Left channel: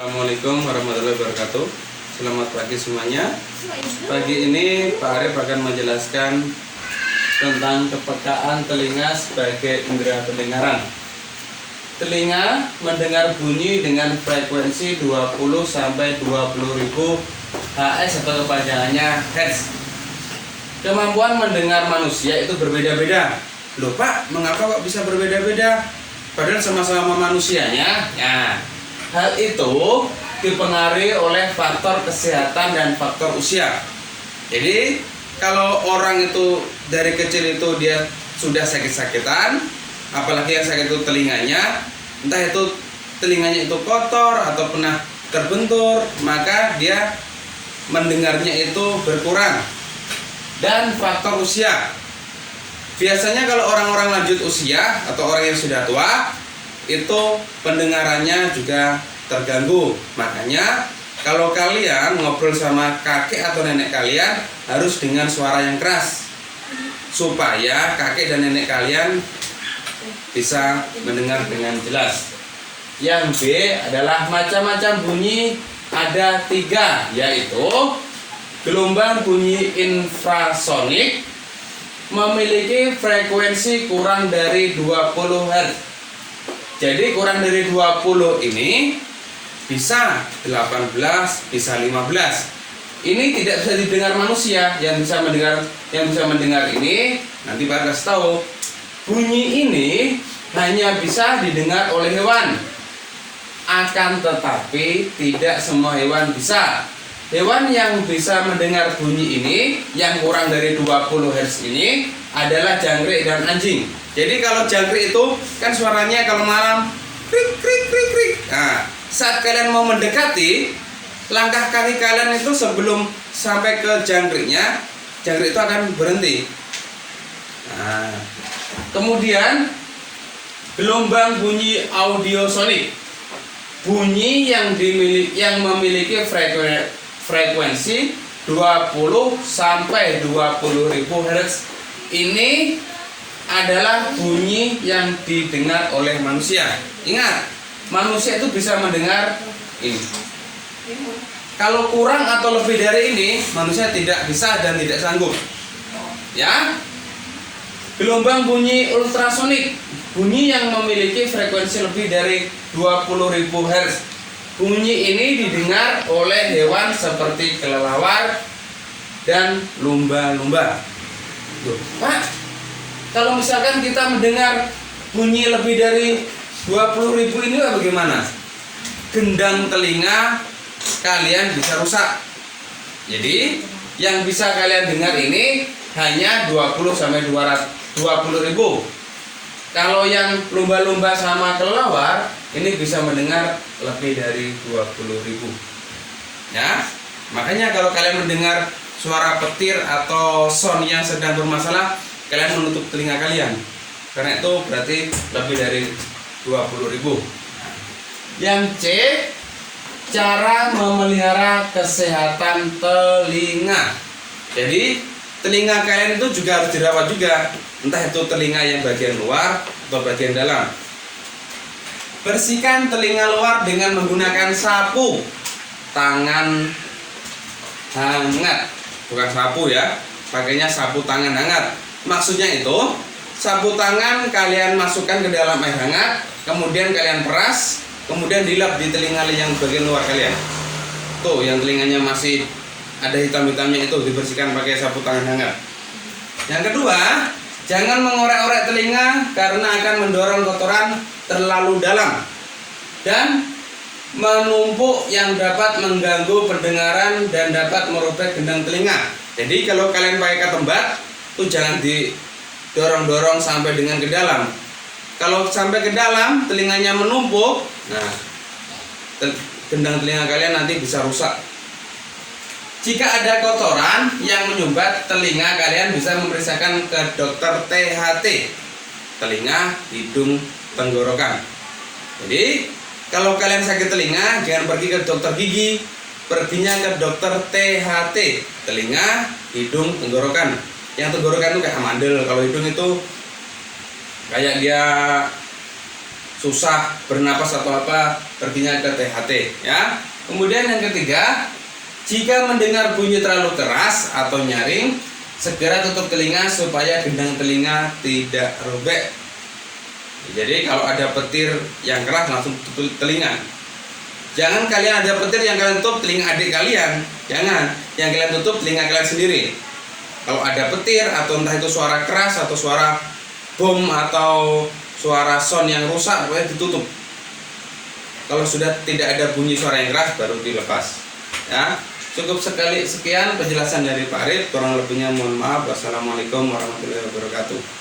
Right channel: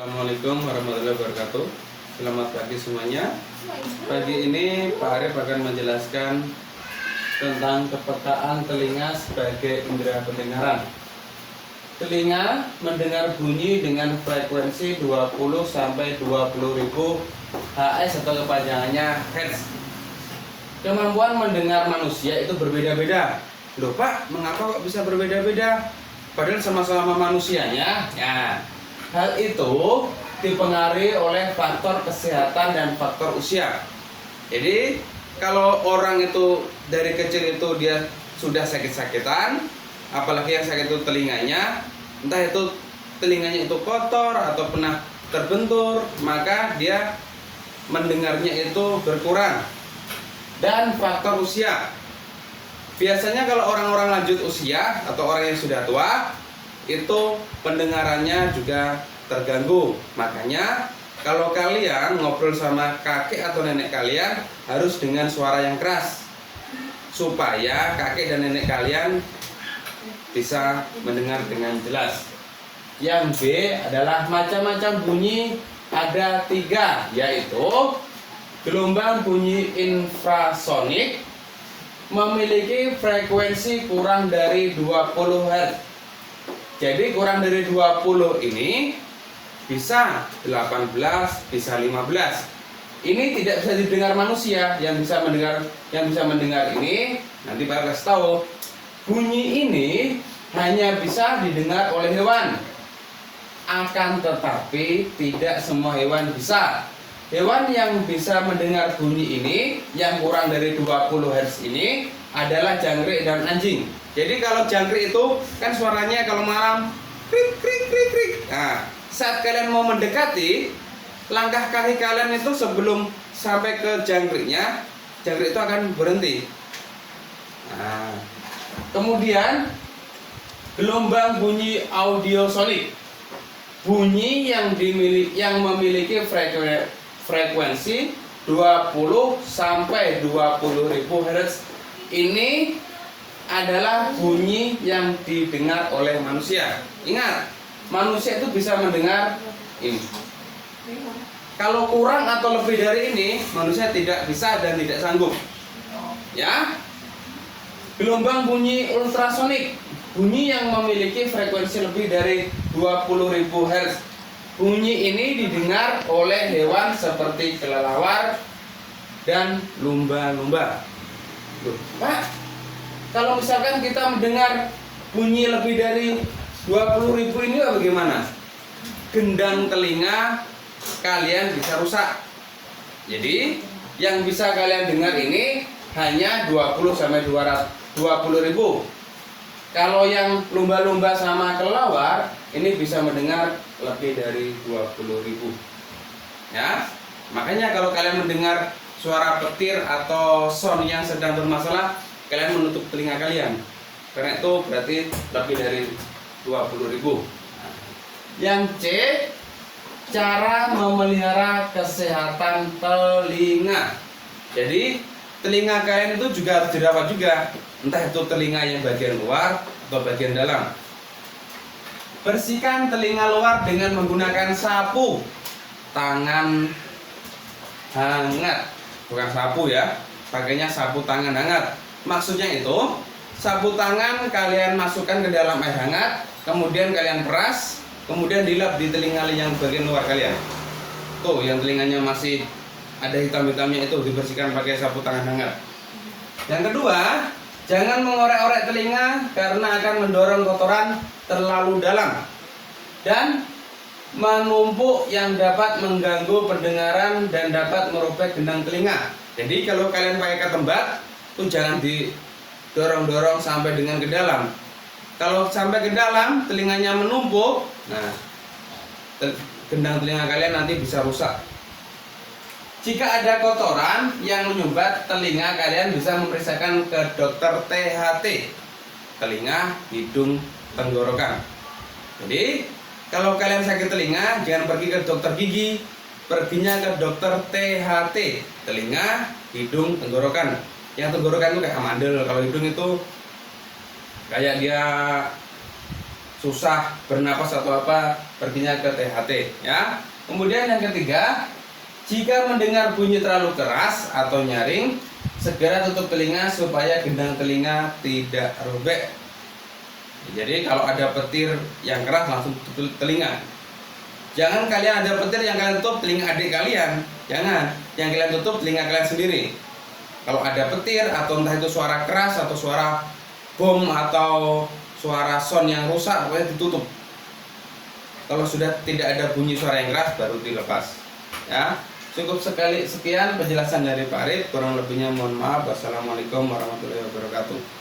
Assalamualaikum warahmatullahi wabarakatuh. Selamat pagi semuanya. Pagi ini Pak Arif akan menjelaskan tentang kepekaan telinga sebagai indera pendengaran. Telinga mendengar bunyi dengan frekuensi 20 sampai 20.000 Hz atau kepanjangannya Hertz. Kemampuan mendengar manusia itu berbeda-beda. Loh Pak, mengapa kok bisa berbeda-beda? Padahal sama-sama manusianya. Ya, hal itu dipengaruhi oleh faktor kesehatan dan faktor usia. Jadi kalau orang itu dari kecil itu dia sudah sakit-sakitan, apalagi yang sakit itu telinganya, entah itu telinganya itu kotor atau pernah terbentur, maka dia mendengarnya itu berkurang. Dan faktor usia, biasanya kalau orang-orang lanjut usia atau orang yang sudah tua itu pendengarannya juga terganggu. Makanya kalau kalian ngobrol sama kakek atau nenek kalian harus dengan suara yang keras supaya kakek dan nenek kalian bisa mendengar dengan jelas. Yang B adalah macam-macam bunyi, ada 3, yaitu gelombang bunyi infrasonik memiliki frekuensi kurang dari 20 Hz. Jadi kurang dari 20 ini bisa 18, bisa 15. Ini tidak bisa didengar manusia. Yang bisa mendengar ini nanti Pak kasih tahu. Bunyi ini hanya bisa didengar oleh hewan. Akan tetapi tidak semua hewan bisa. Hewan yang bisa mendengar bunyi ini yang kurang dari 20 Hz ini adalah jangkrik dan anjing. Jadi kalau jangkrik itu kan suaranya kalau malam krik krik krik krik. Nah, saat kalian mau mendekati, langkah kaki kalian itu sebelum sampai ke jangkriknya, jangkrik itu akan berhenti. Nah, kemudian gelombang bunyi audiosonik, bunyi yang memiliki frekuensi 20 sampai 20.000 Hz. Ini adalah bunyi yang didengar oleh manusia. Ingat, manusia itu bisa mendengar ini. Kalau kurang atau lebih dari ini, manusia tidak bisa dan tidak sanggup. Ya. Gelombang bunyi ultrasonik, bunyi yang memiliki frekuensi lebih dari 20.000 Hz. Bunyi ini didengar oleh hewan seperti kelelawar dan lumba-lumba. Loh, Pak, kalau misalkan kita mendengar bunyi lebih dari 20.000 ini bagaimana? Gendang telinga kalian bisa rusak. Jadi yang bisa kalian dengar ini hanya 20 sampai 20.000. Kalau yang lumba-lumba sama kelelawar ini bisa mendengar lebih dari 20.000. Ya, makanya kalau kalian mendengar suara petir atau sound yang sedang bermasalah, kalian menutup telinga kalian. Karena itu berarti lebih dari 20.000. Yang C, cara memelihara kesehatan telinga. Jadi telinga kalian itu juga harus dirawat juga. Entah itu telinga yang bagian luar atau bagian dalam. Bersihkan telinga luar dengan menggunakan sapu tangan hangat. Bukan sapu ya, pakainya sapu tangan hangat. Maksudnya itu, sapu tangan kalian masukkan ke dalam air hangat, kemudian kalian peras, kemudian dilap di telinga yang bagian luar kalian. Tuh, yang telinganya masih ada hitam-hitamnya itu dibersihkan pakai sapu tangan hangat. Yang kedua, jangan mengorek-orek telinga karena akan mendorong kotoran terlalu dalam dan menumpuk yang dapat mengganggu pendengaran dan dapat merobek gendang telinga. Jadi kalau kalian pakai ketembat, itu jangan didorong-dorong sampai dengan ke dalam. Kalau sampai ke dalam, telinganya menumpuk, nah gendang telinga kalian nanti bisa rusak. Jika ada kotoran yang menyumbat telinga, kalian bisa memeriksakan ke dokter THT, telinga, hidung, tenggorokan. Jadi kalau kalian sakit telinga, jangan pergi ke dokter gigi, perginya ke dokter THT, telinga, hidung, tenggorokan. Yang tenggorokan itu kayak amandel, kalau hidung itu kayak dia susah bernapas atau apa, artinya ada THT ya. Kemudian yang ketiga, jika mendengar bunyi terlalu keras atau nyaring, segera tutup telinga supaya gendang telinga tidak robek. Jadi kalau ada petir yang keras langsung tutup telinga. Jangan kalian ada petir yang kalian tutup telinga adik kalian, jangan. Yang kalian tutup telinga kalian sendiri. Kalau ada petir atau entah itu suara keras atau suara bom atau suara sound yang rusak, pokoknya ditutup. Kalau sudah tidak ada bunyi suara yang keras baru dilepas. Ya, cukup sekian penjelasan dari Pak Arif. Kurang lebihnya mohon maaf. Wassalamualaikum warahmatullahi wabarakatuh.